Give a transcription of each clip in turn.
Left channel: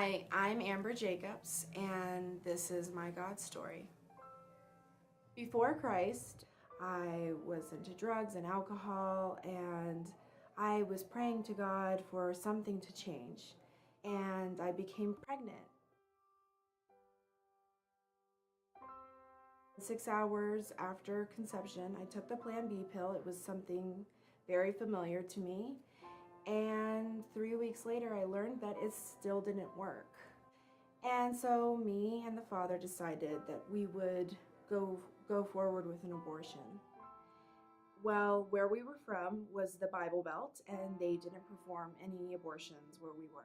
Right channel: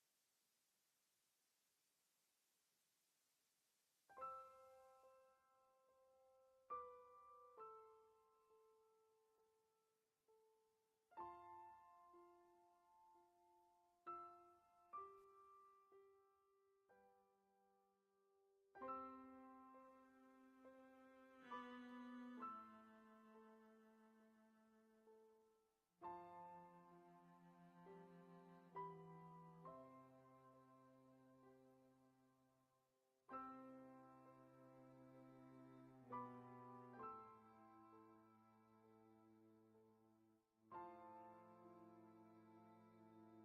Hi, I'm Amber Jacobs, and this is my God story. Before Christ, I was into drugs and alcohol, and I was praying to God for something to change, and I became pregnant. 6 hours after conception, I took the Plan B pill. It was something very familiar to me. And 3 weeks later, I learned that it still didn't work. And so me and the father decided that we would go forward with an abortion. Well, where we were from was the Bible Belt, and they didn't perform any abortions where we were.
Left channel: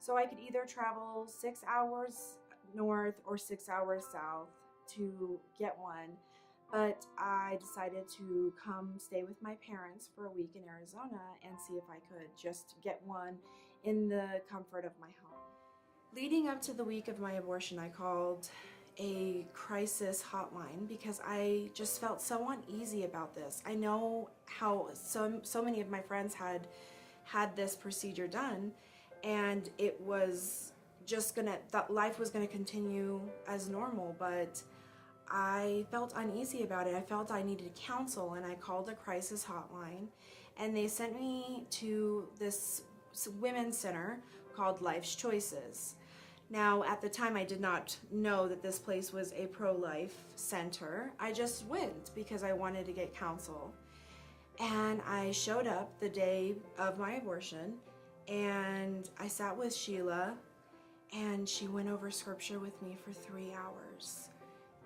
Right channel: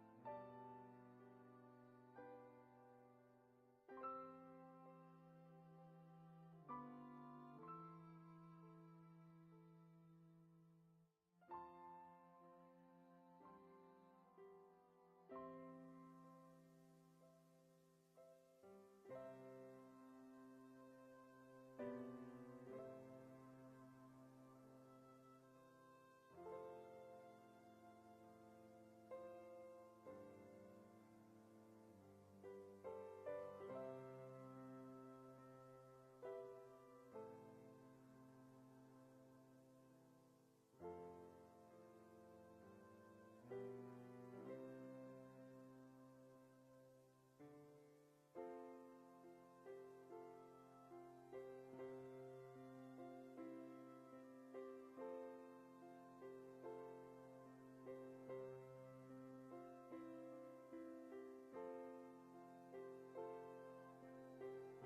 So I could either travel 6 hours north or 6 hours south to get one, but I decided to come stay with my parents for a week in Arizona and see if I could just get one in the comfort of my home. Leading up to the week of my abortion, I called a crisis hotline because I just felt so uneasy about this. I know how so many of my friends had this procedure done, and it was just that life was gonna continue as normal, but I felt uneasy about it. I felt I needed counsel, and I called a crisis hotline, and they sent me to this women's center called Life's Choices. Now, at the time, I did not know that this place was a pro-life center. I just went because I wanted to get counsel. And I showed up the day of my abortion, and I sat with Sheila, and she went over scripture with me for 3 hours.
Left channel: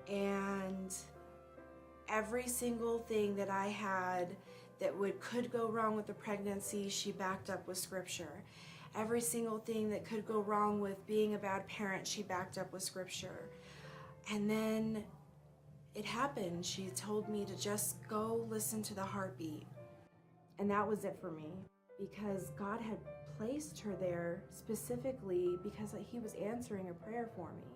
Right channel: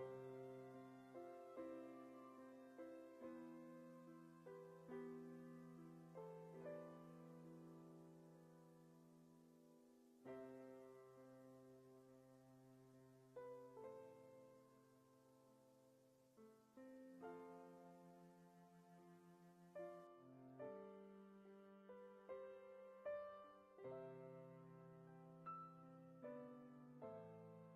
And every single thing that I had that could go wrong with the pregnancy, she backed up with scripture. Every single thing that could go wrong with being a bad parent, she backed up with scripture. And then it happened. She told me to just go listen to the heartbeat. And that was it for me, because God had placed her there specifically because He was answering a prayer for me.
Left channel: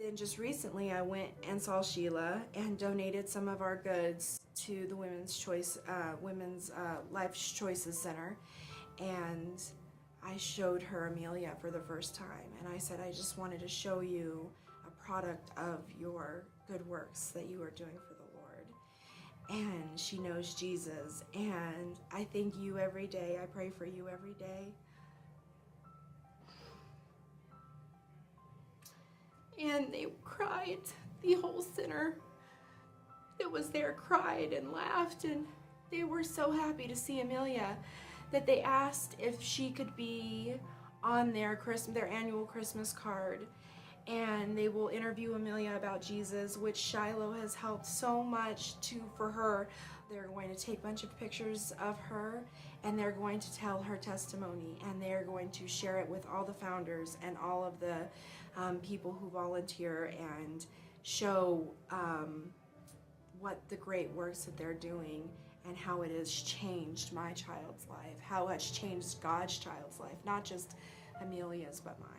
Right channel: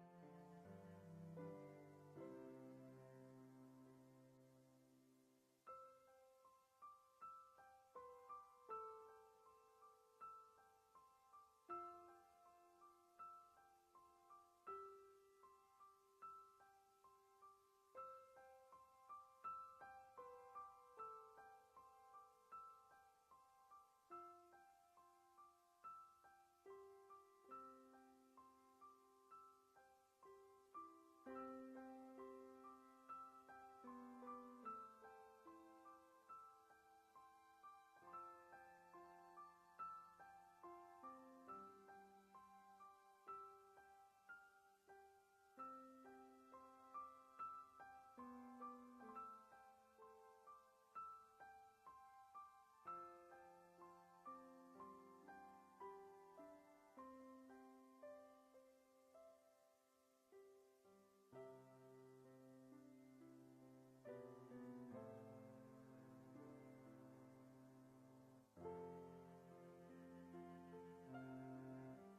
Then just recently I went and saw Sheila and donated some of our goods to the Women's Life Choices Center, and I showed her Amelia for the first time, and I said, I just wanted to show you a product of your good works that you are doing for the Lord. And she knows Jesus, and I thank you every day. I pray for you every day. And they cried. The whole center that was there cried and laughed, and they were so happy to see Amelia that they asked if she could be on their annual Christmas card. And they will interview Amelia about Jesus, which Shiloh has helped so much for her. They're going to take a bunch of pictures of her, and they're going to tell her testimony, and they're going to share it with all the founders and all of the people who volunteer, and show what the great works that they're doing and how it has changed my child's life, how it's changed God's child's life, not just Amelia's but mine.